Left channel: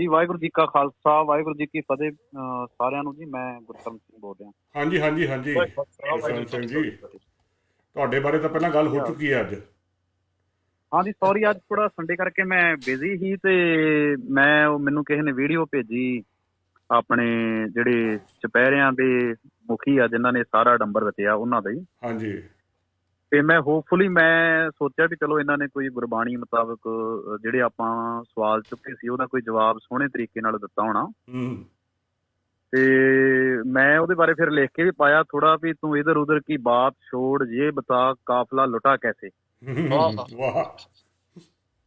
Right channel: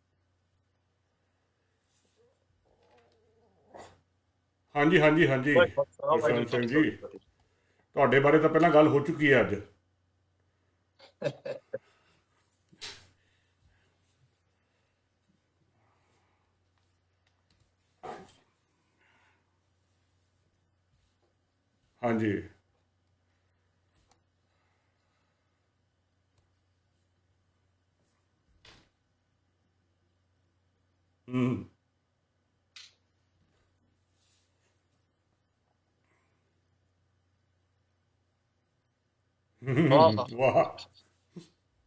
ਜੀ ਵਾਹਿਗੁਰੂ ਜੀ ਕਾ ਖਾਲਸਾ ਵਾਹਿਗੁਰੂ ਜੀ ਕੀ ਫਤਿਹ ਸਾਰਿਆਂ ਨੂੰ ਜੀ ਮੈਂ ਗੁਰਤਮ ਸਿੰਘ ਬੋਲ ਰਿਹਾ। ਹਾਂਜੀ ਹਾਂਜੀ ਹਾਂਜੀ। ਕਿਸ਼ਨ ਸਿੰਘ ਜੀ। ਤੁਹਾਡੇ ਬਾਰੇ ਤਾਂ ਪਹਿਲਾਂ ਗੱਲ ਹੋ ਚੁੱਕੀ ਹੈ ਅੱਜ। ਹਾਂਜੀ ਸੌਰੀ ਅੱਜ ਥੋੜਾ ਸੰਡੇ ਕਰਕੇ ਮੈਂ ਬਿਜ਼ੀ ਸੀ ਤੇ ਮੈਂ ਉਹ ਮੈਨੂੰ ਕਿਸੇ ਨੇ ਵੀਡੀਓ ਭੇਜੀ ਆਪਣੇ ਜਿਹੜੇ ਚਪਹਿਰਿਆਂ ਦੇ ਮੁਖੀ ਆ ਜਿਨ੍ਹਾਂ ਨੇ ਸਾਰਾ ਡੰਬਰ ਰਚਿਆ ਉਹਨਾਂ ਦਾ ਹੀ। ਹਾਂਜੀ। ਤੇ ਮੈਂ ਹੋਪਫੁਲੀ ਮੈਂ ਸੋਚਿਆ ਵੀ ਚਲੋ ਇਹਨਾਂ ਨੇ ਕੋਈ ਗੁਰਬਾਣੀ ਮੁਤਾਬਕ ਜਿਹੜੇ ਆਪਾਂ ਸਵਾਲ ਚੁੱਕੇ ਸੀ ਉਹਦਾ ਕੋਈ ਜਵਾਬ ਸੋਹਣੇ ਤਰੀਕੇ ਨਾਲ ਦਿੱਤਾ ਹੋਣਾ। ਹੂੰ। ਤੇ ਮੈਂ ਉਹਦੇ ਬਾਰੇ ਫਿਰ ਲਿਖ ਕੇ ਵੀ ਪਾਇਆ ਥੋੜਾ ਵੀ ਤੂੰ ਇਧਰ ਉਧਰ ਕੀ ਬਾਤ ਛੋੜ ਇਹ ਬਤਾ ਕਾਫਲਾ ਲੁਟਾ ਕੈਸੇ। ਵਾਹ। ਵਾਹ।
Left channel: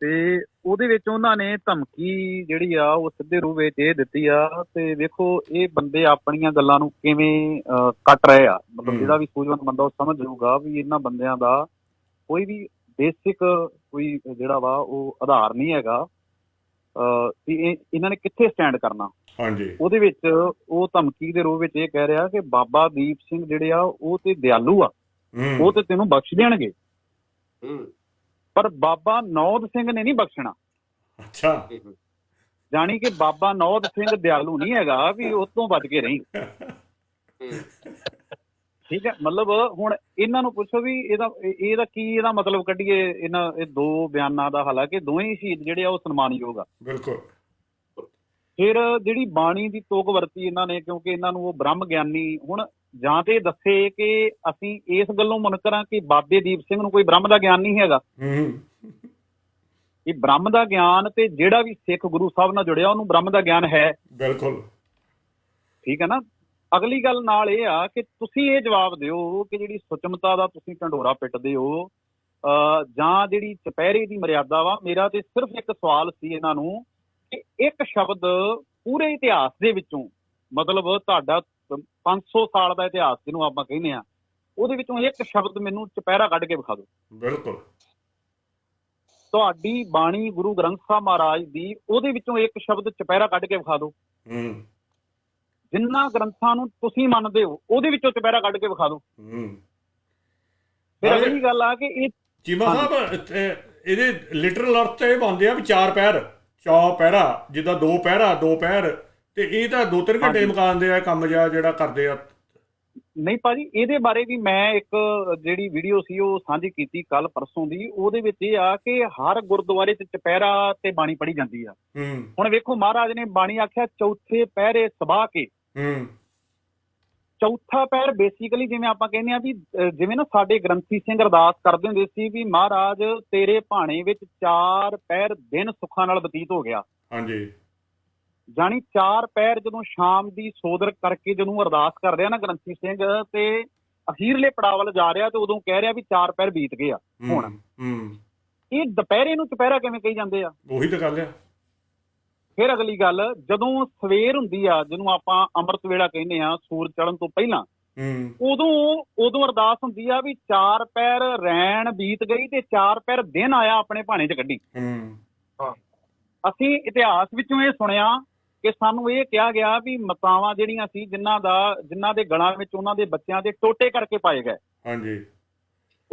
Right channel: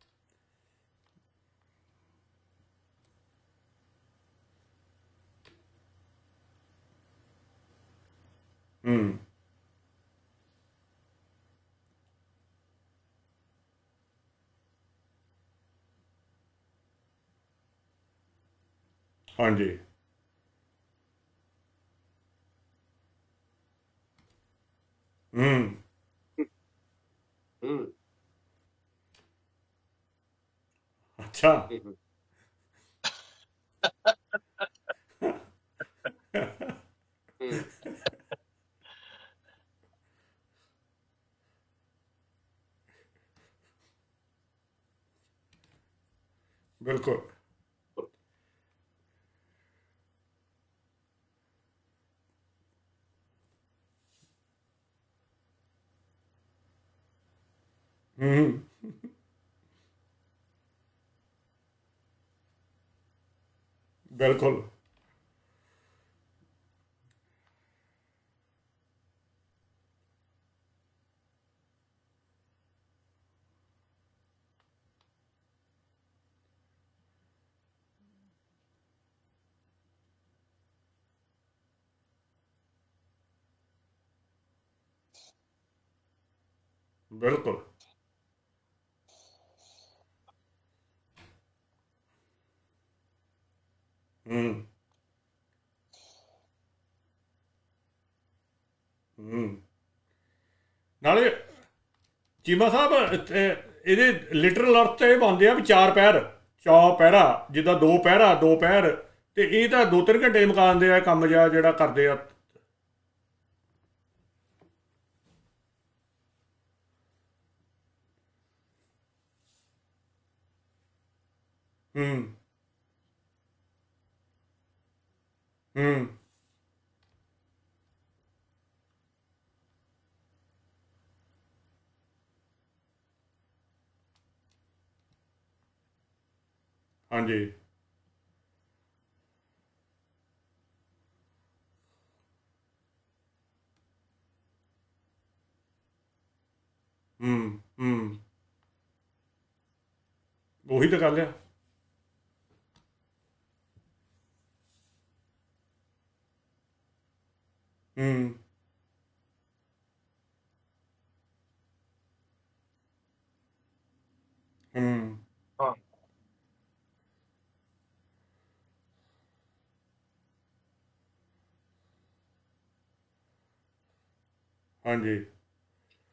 ਤੇ ਉਹਦੇ ਵਿੱਚ ਉਹਨਾਂ ਨੇ ਧਮਕੀ ਜਿਹੜੀ ਆ ਉਹ ਸਿੱਧੇ ਰੂਪ ਵਿੱਚ ਇਹ ਦਿੱਤੀ ਆ ਤੇ ਵੇਖੋ ਇਹ ਬੰਦੇ ਆਪਣੀਆਂ ਗੱਲਾਂ ਨੂੰ ਕਿਵੇਂ ਕੱਟ ਰਹੇ ਆ। ਮਤਲਬ। ਜਿਹੜਾ ਵੀ ਸੂਝਵਾਨ ਬੰਦਾ ਉਹ ਸਮਝ ਜਾਊਗਾ ਵੀ ਇਹਨਾਂ ਬੰਦਿਆਂ ਦਾ ਕੋਈ ਵੀ ਬੇਸਿਕ ਕੋਈ ਜਿਹੜਾ ਵਾ ਉਹ ਆਧਾਰ ਨਹੀਂ ਹੈਗਾ। ਵੀ ਇਹ ਇਹਨਾਂ ਨੇ ਕਿੱਥੇ ਸਟੈਂਡ ਕਰਨਾ? ਹਾਂਜੀ। ਉਹਦੇ ਵਿੱਚ ਉਹ ਧਮਕੀ ਦੇ ਰੂਪ ਵਿੱਚ ਇਹ ਕਹਿ ਰਿਹਾ ਕਿ ਬਾਬਾ ਦੀਪ ਸਿੰਘ ਜਿਹੜੇ ਆ ਉਹ ਤੇ ਦਿਆਲੂ ਆ। ਉਹ ਤੇ ਤੈਨੂੰ ਬਖਸ਼ ਦੇਣਗੇ। ਹੂੰ। ਪਰ ਬਾਬਾ ਨੌਦ ਸਿੰਘ ਨੇ ਨਹੀਂ ਬਖਸ਼ਣਾ। ਅੱਛਾ। ਜਾਣੀ ਕਿ ਬਾਬਾ ਨੌਦ ਸਿੰਘ ਦਿਆਲੂ ਨਹੀਂ ਹੈਗਾ ਵੀ ਉਸ ਤੋਂ ਬਚ ਕੇ ਰਹੀ। ਠੀਕ ਹੈ ਮਤਲਬ ਹੁਣ ਇਹਨਾਂ ਨੂੰ ਪੁੱਛੋ ਵੀ ਇਹਦਾ ਇਹ- ਇਹਦਾ ਕੀ ਇਹਦਾ ਮਤਲਬ ਕੱਢੀਏ? ਇਹਨਾਂ ਇਹ ਦੋ ਬਿਆਨਾਂ ਦਾ ਹਾਲਾਂਕਿ ਦੋਵੇਂ ਹੀ ਸ਼ਹੀਦ ਜਿਹੜੇ ਆ ਉਹ ਸਨਮਾਨਯੋਗ ਆ। ਬਿਲਕੁਲ। ਫਿਰ ਜਿਹੜੀ ਬਾਣੀ ਦੀ ਤੋਕ ਵਰਤੀ ਇਹਨਾਂ ਨੇ ਕਿਉਂਕਿ ਇਹਨਾਂ ਨੂੰ ਉਹ ਬ੍ਰਹਮ ਗਿਆਨੀ ਹੁਣ ਜਾਂ ਤੇ ਦੱਸੇ ਕਿ ਅਸੀਂ ਇਸ ਗੱਲੋਂ ਮੁਨਕਰਾਂ ਕਿ ਬਾਬੇ ਦੀਪ ਸਿੰਘ ਨੂੰ ਕੋਈ ਬ੍ਰਹਮ ਦਾ ਗਿਆਨ ਨਹੀਂ ਹੈਗਾ। ਇਹ ਬ੍ਰਹਮ ਦਾ ਗਿਆਨ ਤੇ ਜਿਹੜਾ ਵੀ ਸਿੱਖ ਗੁਰੂ ਸਾਹਿਬ ਨਾਲ ਜੁੜਿਆ ਉਹਨੂੰ ਬ੍ਰਹਮ ਦਾ ਗਿਆਨ ਹੈ। ਬਿਲਕੁਲ। ਠੀਕ ਹੈ ਨਾ? ਅਗਲੀ ਗੱਲ ਨਾਲ ਇਹ ਆ ਕਿ ਤੁਸੀਂ ਇਹ ਜਵਾਬ ਦਿਓ ਕਿ ਜਿਹੜੀ ਸੁਚਮਤਾ ਦਾ ਤੁਸੀਂ ਢੰਡੋਰਾ ਪਿੱਟਦੇ ਹੋ ਜਾਂ ਜਿਹੜੀ ਚਪਹਿਰੇ ਦੀ ਮਰਿਆਦਾ ਵਾ ਮੇਰਾ ਤੇ ਸਿਰਫ ਇੱਕ ਸਵਾਲ ਸੀ ਇਹਨਾਂ ਨੂੰ ਕਿ ਇੱਕ ਸ਼ਬਦ ਪੂਰੇ ਇਤਿਹਾਸ ਦੇ ਵਿੱਚੋਂ ਮਤਲਬ ਤੁਹਾਡਾ 500 ਸਾਲ ਦਾ ਇਤਿਹਾਸ ਜਿਹਨੂੰ ਆਪਾਂ ਕਹਿੰਦੇ ਆ ਉਹਦੇ ਵਿੱਚੋਂ ਇੱਕ ਸ਼ਬਦ ਮੈਨੂੰ ਚਪਹਿਰਾ ਕੱਢ ਕੇ ਵਿਖਾ ਦਿਓ। ਬਿਲਕੁਲ। ਤੁਹਾਡੀ ਬਾਣੀ ਗੁਰੂ ਗ੍ਰੰਥ ਸਾਹਿਬ ਮਹਾਰਾਜ ਦੀ ਉਹਦੇ ਵਿੱਚੋਂ ਇੱਕ ਸ਼ਬਦ ਚਪਹਿਰਾ ਕੱਢ ਕੇ ਵਿਖਾ ਦਿਓ। ਹੂੰ। ਜਿੰਨਾ ਗ੍ਰੰਥਾਂ ਨੂੰ ਤੁਸੀਂ ਮੰਨਦੇ ਹੋ ਉਹਦੇ ਵਿੱਚੋਂ ਚਪਹਿਰਾ ਕੱਢ ਕੇ ਵਿਖਾ ਦਿਓ। ਹੂੰ। ਨਾਲੇ- ਇਹ ਗੱਲ ਆ ਕਿ ਇਹ ਚੀਮਾ ਸਾਹਿਬ ਇਹ- ਇਹਦੇ ਲਿਟਰਲ ਅਰਥ ਤੇ ਬਣਦੇ ਆ ਵੀ ਚਾਰ ਪੈਰ। ਚੌ ਪਹਿਰਾ ਜਿੱਦਾਂ ਦੋ ਪਹਿਰਾ ਦੋ ਪੈਰ ਤੇ ਇਹ ਤਾਂ ਦੋ ਤਿੰਨ ਘੰਟੇ ਮੁਕਾਉਂਦੇ ਆ ਕੰਮ ਜਿਹਾ ਜਿਹੜਾ ਕਰਦੇ ਆ। ਨਹੀਂ ਭਾਜੀ ਇਹਦੇ ਬਾਰੇ ਵੀ ਮੈਂ ਇੱਕ ਜਿਹੜੀ ਵੀਡੀਓ ਸੀ ਉਹ ਸਾਂਝੀ ਕੀਤੀ ਕੱਲ ਪਰਸੋਂ ਦੀ। ਉਹਦੇ ਵਿੱਚ ਇਹ ਆ ਕਿ ਹਰ ਗੁਰਦੁਆਰੇ 'ਚ ਚਪਹਿਰਾ ਤੇ ਬਾਣੀ ਪੜ੍ਹੀ ਜਾਂਦੀ ਆ। ਹੂੰ। ਹੁਣ ਵੇਖੋ ਮਹਾਰਾਜ ਨੇ ਬਾਣੀ ਆਖਿਆ ਚੌਥੇ ਪਹਿਰੇ ਸਬਾ ਕੇ। ਹੂੰ। ਚੌਥਾ ਪਹਿਰ ਬੇਸਿਕਲੀ ਜਿਵੇਂ ਆਪਾਂ ਕਹਿੰਦੇ ਆ ਵੀ ਜਿਵੇਂ ਨਾ ਸਾਡੇ ਗ੍ਰੰਥੀ ਸਿੰਘ ਅਰਦਾਸ ਕਰਦੇ ਹੁੰਦੇ ਸੀ ਵੀ ਮਹਾਰਾਜ ਤੇਰੇ ਭਾਣੇ ਵਿੱਚ ਚਾਰ ਪਹਿਰ ਦਿਨ ਸੁੱਖਾਂ ਨਾਲ ਬਤੀਤ ਹੋ ਗਿਆ। ਹਾਂਜੀ। ਜਾਣੀ ਚਾਰ ਪੈਰ ਜਦੋਂ ਸ਼ਾਮ ਦੀ ਸੋਦਰ ਕਰਕੇ ਜਦੋਂ ਅਰਦਾਸ ਕਰਦੇ ਆ ਨਾ ਗ੍ਰੰਥੀ ਸਿੰਘ ਤੇ ਅਖੀਰਲੇ ਪੜਾਅ ਵੱਲ ਜਾ ਰਿਹਾ ਤੇ ਉਦੋਂ ਕਹਿ ਰਿਹਾ ਵੀ ਚਾਰ ਪੈਰ ਬੀਤ ਗਏ ਆ ਹੁਣ। ਹੂੰ ਇਹ ਦੁਪਹਿਰੇ ਨੂੰ ਚੁਪਹਿਰਾ ਕਿਵੇਂ ਕਹੀ ਜਾਂਦੇ ਆ? ਉਹੀ ਤਾਂ ਗੱਲ ਆ। ਫਿਰ ਅਗਲੀ ਗੱਲ ਜਦੋਂ ਸਵੇਰ ਹੁੰਦੀ ਆ ਜਿਹਨੂੰ ਆਪਾਂ ਅੰਮ੍ਰਿਤ ਵੇਲਾ ਕਹਿੰਦੇ ਆ ਸੂਰਜ ਚੜ੍ਹਨ ਤੋਂ ਪਹਿਲਾਂ ਹੂੰ। ਉਦੋਂ ਉਦੋਂ ਅਰਦਾਸ ਹੁੰਦੀ ਆ ਵੀ ਚਾਰ ਪੈਰ ਰੈਣ ਬੀਤ ਗਈ ਤੇ ਚਾਰ ਪੈਰ ਦਿਨ ਆਇਆ ਆਪਣੇ ਭਾਣੇ 'ਚ ਕੱਢੀ। ਹੂੰ। ਅਸੀਂ ਇਤਿਹਾਸ ਵਿੱਚੋਂ ਇਹ ਸੁਣਿਆ ਕਿ ਸਾਨੂੰ ਇਹ ਕਿਹਾ ਗਿਆ ਵੀ ਮਤਾਵਾਂ ਜਿਹੜੀਆਂ ਸੀ ਜਿਨ੍ਹਾਂ ਦਾ ਜਿਨ੍ਹਾਂ ਦੇ ਗਲਾਂ ਵਿੱਚ ਉਹਨਾਂ ਦੇ ਬੱਚਿਆਂ ਦੇ ਟੋਟੇ ਕਰਕੇ ਪਾਏ ਗਏ। ਹਾਂਜੀ।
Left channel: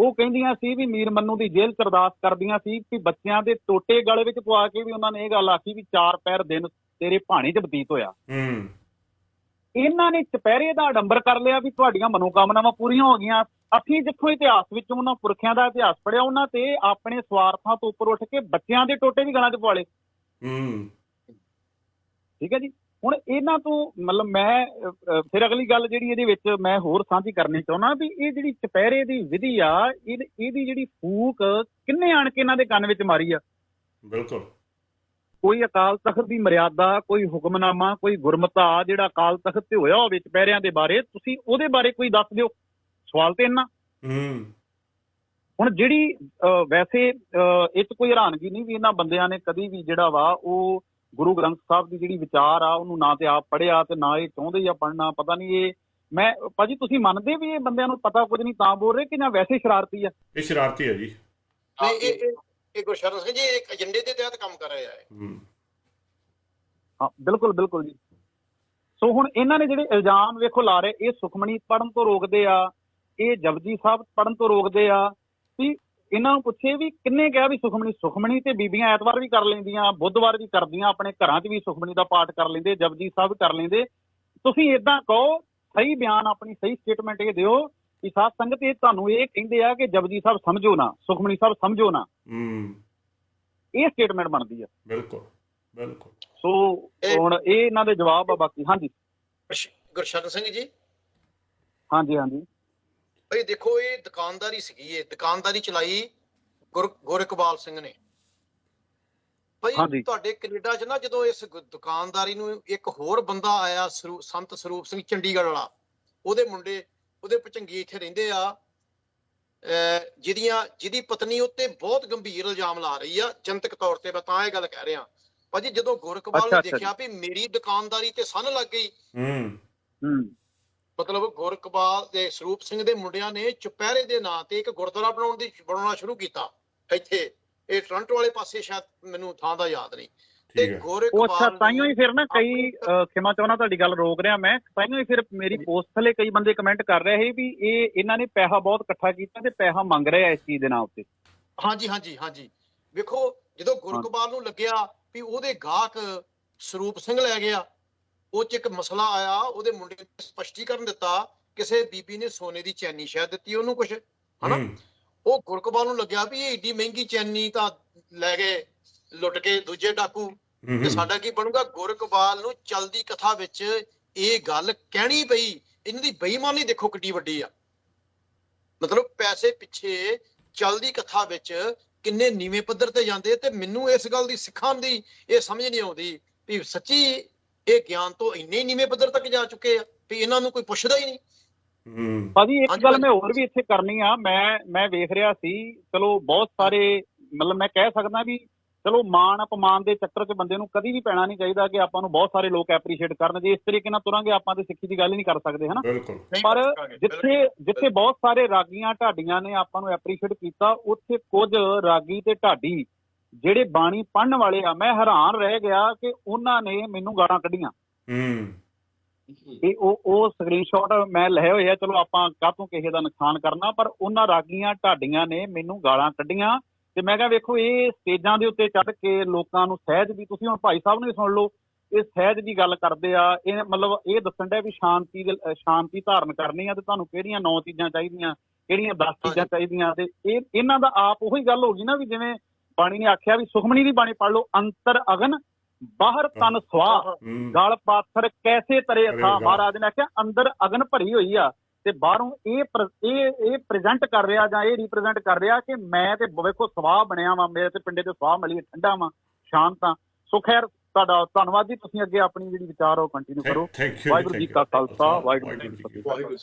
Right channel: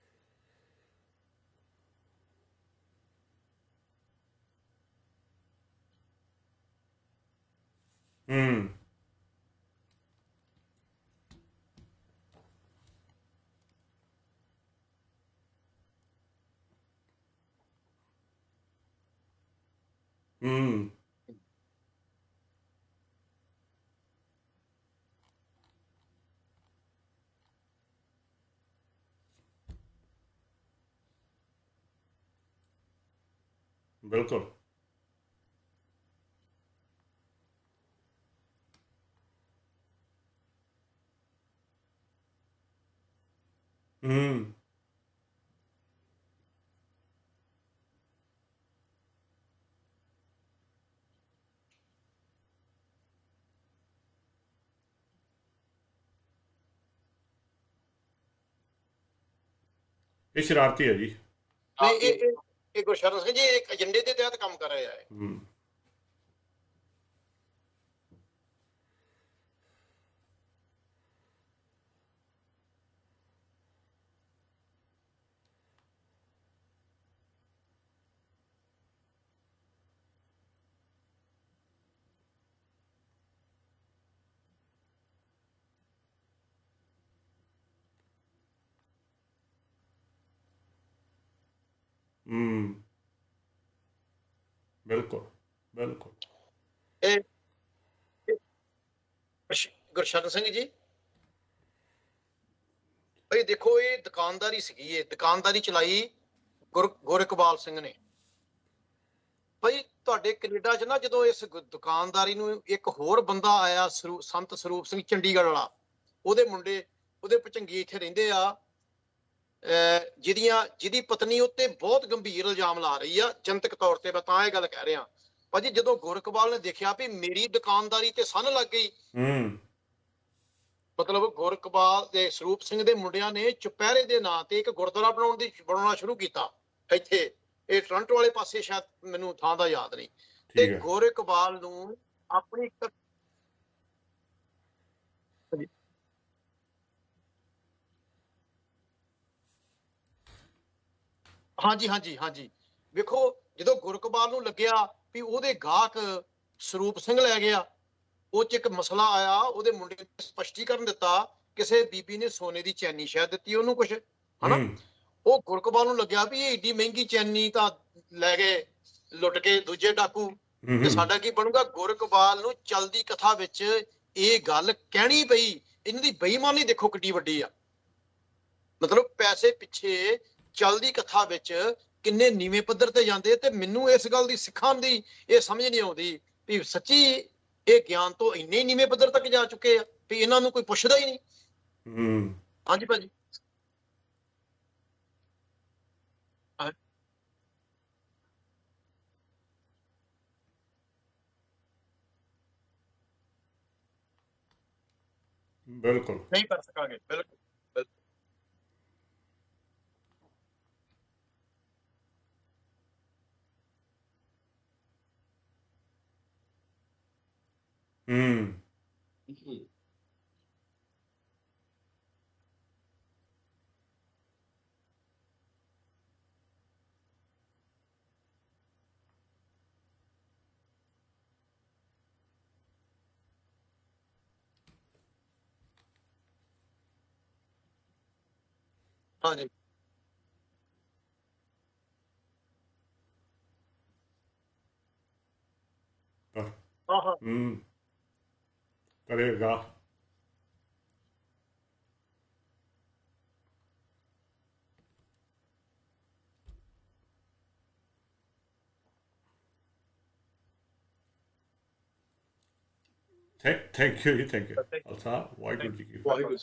ਉਹ ਕਹਿੰਦੀਆਂ ਸੀ ਵੀ ਮੀਰ ਮੰਨੂ ਦੀ ਜੇਲ੍ਹ ਚ ਅਰਦਾਸ ਕਰਦੀਆਂ ਸੀ ਵੀ ਬੱਚਿਆਂ ਦੇ ਟੋਟੇ ਗਲੇ ਵਿੱਚ ਪਵਾ ਕੇ ਵੀ ਉਹਨਾਂ ਨੇ ਇਹ ਗੱਲ ਆਖੀ ਵੀ ਚਾਰ ਪੈਰ ਦਿਨ ਤੇਰੇ ਭਾਣੇ 'ਚ ਬਤੀਤ ਹੋਇਆ। ਹੂੰ। ਇਹਨਾਂ ਨੇ ਚਪਹਿਰੇ ਦਾ ਆਡੰਬਰ ਕਰ ਲਿਆ ਵੀ ਤੁਹਾਡੀਆਂ ਮਨੋਕਾਮਨਾਵਾਂ ਪੂਰੀਆਂ ਹੋ ਗਈਆਂ। ਅਸੀਂ ਜਿੱਥੋਂ ਇਤਿਹਾਸ ਵਿੱਚੋਂ ਉਹਨਾਂ ਪੁਰਖਿਆਂ ਦਾ ਇਤਿਹਾਸ ਪੜਿਆ ਉਹਨਾਂ ਤੇ ਆਪਣੇ ਸਵਾਰਥਾਂ ਤੋਂ ਉੱਪਰ ਉੱਠ ਕੇ ਬੱਚਿਆਂ ਦੇ ਟੋਟੇ ਵੀ ਗਲਾਂ 'ਚ ਪਵਾ ਲਏ। ਹੂੰ। ਠੀਕ ਹੈ ਜੀ? ਹੁਣ ਇਹਨਾਂ ਤੋਂ ਮਤਲਬ ਮੈਂ ਫਿਰ ਅਗਲੀ ਗੱਲ ਜਿਹੜੀ ਇਹਦੇ ਵਿੱਚ ਮੈਂ ਹੋਰ ਸਾਂਝੀ ਕਰਨੀ ਚਾਹੁੰਦਾ ਵੀ ਇਹ ਜਿਹੜੀ ਚਪਹਿਰੇ ਦੀ ਵਿਧੀ ਆ ਇਹਦੀ ਜਿਹੜੀ ਫੂਕ ਕਿੰਨੇ ਆਣ ਕੇ ਇਹਨਾਂ ਦੇ ਕੰਨ ਵਿੱਚ ਮਾਰੀ ਆ? ਬਿਲਕੁਲ। ਕੋਈ ਅਕਾਲ ਤਖਤ ਦੀ ਮਰਿਆਦਾ ਕੋਈ ਹੁਕਮਨਾਮਾ ਕੋਈ ਗੁਰਮਤਾ ਜਿਹੜਾ ਅਕਾਲ ਤਖਤ ਤੇ ਹੋਇਆ ਹੋਵੇ ਚਪਹਿਰਿਆਂ ਦੇ ਬਾਰੇ ਤੁਸੀਂ ਉਹਦੇ ਬਾਰੇ ਕੋਈ ਦੱਸ ਦਿਓ। ਸਵਾਲ ਤੇ ਇੰਨਾ? ਹੂੰ। ਹੁਣ ਜਿਹੜੀ ਵੈਸੇ ਇਹ 'ਚ ਕੋਈ ਹੈਰਾਨਗੀ ਨਹੀਂ ਵੀ ਇਹਨਾਂ ਬੰਦਿਆਂ ਨੇ ਕਦੀ ਵੀ ਜਿਹੜਾ ਵਾ ਉਹ ਗੁਰੂ ਗ੍ਰੰਥ ਸਾਹਿਬ ਦੀ ਜਿਹੜੀ ਵਿਚਾਰ ਆ ਉਹਨੂੰ ਨਾ ਤੇ ਆਪ ਪੜ੍ਹਿਆ ਤੇ ਨਾ ਇਹ ਚਾਹੁੰਦੇ ਆ ਪੜ੍ਹਨਾ ਪਤਾ ਨਹੀਂ ਇਹ ਮੈਂ ਭਾਜੀ ਤੁਸੀਂ ਮੰਨਦੇ ਵੀ ਇਹ ਬੰਦਿਆਂ ਨੂੰ ਪਤਾ ਕੁਝ ਨਹੀਂ ਤਾਂ ਬੋਲ ਰਹੇ ਕਿ ਜਾਂ ਵੈਸੇ ਸ਼ਰਾਰਤੀ ਆ? ਇਹ ਸ਼ਰਾਰਤੀ ਹੈ ਜੀ। ਇਹ ਇਹ ਇਹ ਗੁਰਸ਼ਰਨ ਸਿੰਘ ਜੀ ਇੱਕ ਏਜੰਡੇ ਦੇ ਤਹਿਤ ਕੰਮ ਕਰ ਰਹੇ ਆ। ਹੂੰ। ਹਾਂ ਬਿਲਕੁਲ ਬਿਲਕੁਲ ਜੀ। ਸੋ ਹੁਣ ਇਹਨਾਂ ਨੇ ਜਿਹੜੇ ਇਲਜ਼ਾਮ ਵੇਖੋ ਲਾ ਰਹੇ ਇਹ ਸੁਖਮਣੀ ਪੜਨ ਤੋਂ ਰੋਕਦੇ ਆ ਇਹ ਜਪਜੀ ਸਾਹਿਬ ਪੜਨ ਤੋਂ ਰੋਕਦੇ ਆ ਵੀ ਇਹਨਾਂ ਨੂੰ ਪੁੱਛੇ ਵੀ ਕਿੰਨੇ ਕਿਹਾ ਵੀ ਸੁਖਮਣੀ ਸੁਖਮਣੀ ਤੇ ਬੀਬੀਆਂ ਐਤਵਾਰ ਵੀ ਕਰ ਲੈਂਦੀਆਂ ਬੁੱਧਵਾਰ ਵੀ ਕਰਦੀਆਂ ਆਪਣੇ ਘਰਾਂ 'ਚ ਵੀ ਸੁਖਮਣੀ ਦਾ ਪਾਠ ਕਰ ਲੈਂਦੇ ਜਪਜੀ ਸਾਹਿਬ ਕਰ ਲੈਂਦੇ। ਤੁਸੀਂ ਇਦਾਂ ਕਹੋ ਸਹੀ ਬਿਆਨ ਆਪਣੀ ਸਹੀ ਸਟੇਟਮੈਂਟ ਇਹ ਦਿਓ ਕਿ ਸਾਧ ਸੰਗਤ ਇਹ ਤੁਹਾਨੂੰ ਇਹ ਕਹਿੰਦੇ ਆ ਕਿ ਜਪਜੀ ਸਾਹਿਬ ਸਮਝੋ ਨਾ ਸੁਖਮਣੀ ਸਾਹਿਬ ਸਮਝੋ ਨਾ। ਹੂੰ। ਇਹ ਸਟੇਟਮੈਂਟ ਬਣਦੀ ਆ। ਬਿਲਕੁਲ ਬਿਲਕੁਲ। ਸੋ ਹੁਣ ਇਹ ਇਹਨਾਂ ਦੇ ਜਵਾਬ ਆ ਬਾਕੀ। ਹਾਂਜੀ। ਗੁਰਸ਼- ਗੁਰਸ਼ਰਨ ਸਿੰਘ ਜੀ? ਹਾਂਜੀ ਹਾਂਜੀ। ਭਾਈ ਦੇਖੋ ਇਹ ਦੁਕਾਨਦਾਰੀ ਸੀਗੀ ਇਹ। ਦੁਕਾਨਦਾਰੀ ਚਲਾਈ ਗੁਰ ਗੁਰਕਬਾਲ ਸਿੰਘ ਨੇ। ਭਾਈ। ਤੁਹਾਡੇ ਕੈਨੇਡਾ 'ਚ ਨਾ ਜਦੋਂ ਇਸ ਦੁਕਾਨਦਾਰੀ ਨੂੰ ਇੱਕ ਹੋਰ ਬੰਦਾ ਆਇਆ ਸੰਤ ਸਰੂਪ ਸਿੰਘ ਚੰਡੀਗੜ੍ਹ ਵਾਲਾ ਉਹਦੇ ਮੁੰਡੇ ਉਹਦੇ ਪਚੰਗੀ ਇੱਥੇ ਰਹਿੰਦੇ ਆ। ਜਿਹਦੀਆਂ ਜਿਹਦੀ ਪਤਨੀ ਉੱਤੇ ਬਹੁਤ ਗੰਭੀਰ ਇਲਜ਼ਾਮ ਲਾ ਰਹੀ ਆ ਜਨਤਕ ਤੌਰ ਤੇ ਮੈਂ ਤਾਂ ਇਹ ਗੱਲ ਕਹਿ ਰਿਹਾ। ਭਾਜੀ ਜਦੋਂ ਗੁਰਕਬਾਲ ਨੇ। ਦੇਖਿਆ ਵੀ ਮੇਰੀ ਦੁਕਾਨਦਾਰੀ ਤੇ ਸੰਨ ਲੱਗ ਗਈ ਹੂੰ। ਹੂੰ। ਮਤਲਬ ਗੁਰਕਬਾਲ ਦੇ ਸਰੂਪ ਸਿੰਘ ਦੇ ਮੁੰਡਿਆਂ ਨੇ ਚੁਪਹਿਰੇ ਦੇ ਨਾਂ ਤੇ ਇੱਕ ਗੁਰਦੁਆਰਾ ਬਣਾਉਣ ਦੀ ਬਣਾਉਣਾ ਸ਼ੁਰੂ ਕੀਤਾ ਇੱਥੇ। ਇਹ ਟੋਰਾਂਟੋ ਵਾਲੇ ਪਾਸੇ ਸ਼ਾਇਦ ਮੈਨੂੰ ਥਾਂ ਦਾ ਯਾਦ ਨਹੀਂ। ਤੇ ਉਹ ਅੱਛਾ ਤਾਈਓ ਹੀ ਫਿਰ ਨਾ ਕਈ ਖਿਮਾ ਚਾਹਣਾ ਤੁਹਾਡੀ ਗੱਲ ਰੋਕ ਰਿਹਾ ਮੈਂ। ਤਾਈਓ ਹੀ ਫਿਰ ਮੇਰੀ ਪੋਸਟ ਥਲੇ ਕਈ ਬੰਦੇ ਕਮੈਂਟ ਕਰ ਰਹੇ ਸੀ ਵੀ ਇਹ ਇਹਨਾਂ ਨੇ ਪੈਸਾ ਬਹੁਤ ਇਕੱਠਾ ਕੀਤਾ ਤੇ ਪੈਸਾ ਮੰਗ ਰਹੇ ਆ ਇਸ ਚੀਜ਼ ਦੇ ਨਾਂ ਉੱਤੇ। ਹਾਂਜੀ ਹਾਂਜੀ ਹਾਂਜੀ। ਵੇਖੋ ਜਦੋਂ ਗੁਰਕਬਾਲ ਨੂੰ ਲੱਗਿਆ ਵੀ ਉਹਦੇ ਗਾਹਕ ਸਰੂਪ ਸਿੰਘ ਲੈ ਗਿਆ ਉਹ ਚ ਇੱਕ ਮਸਲਾ ਆਇਆ ਉਹਦੇ ਮੁੰਡੇ ਨੇ ਸਪਸ਼ਟੀਕਰਨ ਦਿੱਤਾ ਕਿਸੇ ਬੀਬੀ ਨੇ ਸੋਨੇ ਦੀ ਚੈਨੀ ਸ਼ਾਇਦ ਦਿੱਤੀ ਉਹਨੂੰ ਕੁਝ ਹਨਾ? ਉਹ ਗੁਰਕਬਾਲ ਨੂੰ ਲੱਗਿਆ ਵੀ ਇਹ ਏਡੀ ਮਹਿੰਗੀ ਚੈਨੀ ਤਾਂ ਲੈ ਗਏ ਲੁੱਟ ਕੇ ਦੂਜੇ ਡਾਕੂ। ਤੇ ਸਾਡਾ ਕੀ ਬਣੂਗਾ? ਗੁਰਕਬਾਲ ਨੂੰ ਚਲਦੀ ਕਥਾ ਵਿੱਚ ਇਹ ਗੱਲ ਕਹਿਣੀ ਪਈ। ਇਹਨਾਂ ਦੀ ਬੇਈਮਾਨੀ ਦੇਖੋ ਕਿੱਡੀ ਵੱਡੀ ਆ। ਮਤਲਬ ਪੈਸੇ ਪਿੱਛੇ ਚਲਦੀ ਕਥਾ ਵਿੱਚ ਕਿੰਨੇ ਨੀਵੇਂ ਪੱਧਰ ਤੇ ਜਾਂਦੇ ਤੇ ਮੈਨੂੰ ਇਸ ਗੱਲ ਦੀ ਸਿੱਖਾਂ ਦੀ ਇਹ ਸਮਝ ਨਹੀਂ ਆਉਂਦੀ ਵੀ ਸੱਚੀ ਇਹ ਗਿਆਨ ਤੋਂ ਇੰਨੇ ਨੀਵੇਂ ਪੱਧਰ ਤੱਕ ਜਾ ਚੁੱਕੇ ਆ ਵੀ ਇਹਨਾਂ ਨੂੰ ਕੋਈ ਪੁੱਛਦਾ ਹੀ ਨਹੀਂ। ਹੂੰ। ਭਾਜੀ ਇੱਕ ਗੱਲ। ਮੈਂ ਹੋਰ ਵੀ ਇੱਥੇ ਕਰਨੀ ਆ। ਮੈਂ ਮੈਂ ਵੇਖ ਰਿਹਾ ਸੀ ਚਲੋ ਬਹੁਤ ਸਾਰੇ ਮਤਲਬ ਮੈਂ ਕਹਿ ਸਕਦਾ ਵੀ ਚਲੋ ਮਾਣ ਅਪਮਾਨ ਦੇ ਚੱਕਰ 'ਚ ਬੰਦੇ ਨੂੰ ਕਦੀ ਵੀ ਪੈਣਾ ਨਹੀਂ ਚਾਹੀਦਾ ਕਿ ਆਪਾਂ ਨੂੰ ਬਹੁਤ ਸਾਰੇ ਲੋਕ ਐਪਰੀਸ਼ੀਏਟ ਕਰਨ ਜੇ ਇਸ ਤਰੀਕੇ ਨਾਲ ਤੁਰਾਂਗੇ ਆਪਾਂ ਤੇ ਸਿੱਖੀ ਦੀ ਗੱਲ ਹੀ ਨਹੀਂ ਕਰ ਸਕਦੇ ਹਨਾ? ਪਰ ਕਰ ਸਕਾਂਗੇ, ਬਿਲਕੁਲ। ਜਿੱਥੇ ਜਿੱਥੇ ਬਹੁਤ ਸਾਰੇ ਰਾਗੀਆਂ ਢਾਡੀਆਂ ਨੇ ਆਪਾਂ ਨੂੰ ਐਪਰੀਸ਼ੀਏਟ ਕੀਤਾ ਉੱਥੇ ਕੁਝ ਰਾਗੀ ਤੇ ਢਾਡੀ ਜਿਹੜੇ ਬਾਣੀ ਪੜਨ ਵਾਲੇ ਆ ਮੈਂ ਹੈਰਾਨ ਰਹਿ ਗਿਆ ਕਿ ਉਹਨਾਂ ਨੇ ਮੈਨੂੰ ਗਾਲਾਂ ਕੱਢੀਆਂ। ਹੂੰ। ਇਹ ਉਹ ਉਹ ਸਕਰੀਨਸ਼ਾਟ ਮੈਂ ਲਏ ਹੋਏ ਆ ਚਲੋ ਆਪਾਂ ਕਾਹਤੋਂ ਕਿਸੇ ਦਾ ਨੁਕਸਾਨ ਕਰਨਾ ਪਰ ਉਹਨਾਂ ਰਾਗੀਆਂ ਢਾਡੀਆਂ ਨੇ ਮੈਨੂੰ ਗਾਲਾਂ ਕੱਢੀਆਂ। ਤੇ ਮੈਂ ਕਿਹਾ ਵੇਖੋ ਇਹ ਸਟੇਜਾਂ ਦੇ ਉੱਤੇ ਚੜ੍ਹ ਕੇ ਲੋਕਾਂ ਨੂੰ ਸਹਿਜ ਦੀ ਤੁਸੀਂ ਹੁਣ ਭਾਈ ਸਾਹਿਬ ਨੂੰ ਸੁਣ ਲਓ ਇਹ ਸਹਿਜ ਦੀ ਗੱਲ ਕਰਦੇ ਆ ਇਹ ਮਤਲਬ ਇਹ ਦੱਸਣ ਡਿਆ ਵੀ ਸ਼ਾਂਤੀ ਦੇ ਸ਼ਾਂਤੀ ਧਾਰਨ ਕਰਨੀ ਆ ਤੇ ਤੁਹਾਨੂੰ ਕਿਹੜੀਆਂ ਨੌ ਚੀਜ਼ਾਂ ਚਾਹੀਦੀਆਂ ਕਿਹੜੀਆਂ 10 ਚੀਜ਼ਾਂ। ਚਾਹੀਦੀਆਂ ਤੇ ਇਹ ਇਹਨਾਂ ਦਾ ਆਪ ਉਹੀ ਗੱਲ ਹੋ ਗਈ ਨਾ ਵੀ ਜਿਵੇਂ ਬਾਣੀ ਨੇ ਆਖਿਆ ਵੀ ਸੁਖਮਣੀ ਦੀ ਬਾਣੀ ਪੜ੍ਹ ਲਓ ਅੰਤਰ ਅਗਨ ਬਾਹਰ ਤਨ ਸਵਾਹ ਗਲ ਪਾਥਰ ਕੈਸੇ ਤਰੇ ਗਾ। ਮਹਾਰਾਜ ਨੇ ਆਖਿਆ ਅੰਦਰ ਅਗਨ ਭਰੀ ਹੋਈ ਆ ਤੇ ਬਾਹਰੋਂ ਇਹ ਇਹ ਇਹ ਪ੍ਰੈਜ਼ੈਂਟ ਕਰ ਰਿਹਾ ਜਾਂ ਇਹ ਰਿਪਰੈਜ਼ੈਂਟ ਕਰ ਰਿਹਾ ਕਿ ਮੈਂ ਤੇ ਵੇਖੋ ਸਵਾਹ ਬਣਿਆ ਵਾਂ ਮੇਰੇ ਤੇ ਪਿੰਡੇ ਤੇ ਸਵਾਹ ਮਿਲੀ ਠੰਡਾ ਵਾਂ ਸ਼ਾਂਤ ਆ ਸੋ ਖੈਰ ਤੁਹਾਡਾ ਧੰਨਵਾਦ ਜੀ ਤੁਸੀਂ ਅੱਗੇ ਆਪਣੀ ਜਿਹੜੀ ਵਿਚਾਰ ਉਹ ਕੰਟੀਨਿਊ ਕਰੋ। ਥੈਂਕ ਯੂ ਵਾਹਿਗੁਰੂ ਜੀ ਕਾ ਖਾਲਸਾ, ਵਾਹਿਗੁਰੂ ਜੀ ਕੀ ਫਤਿਹ।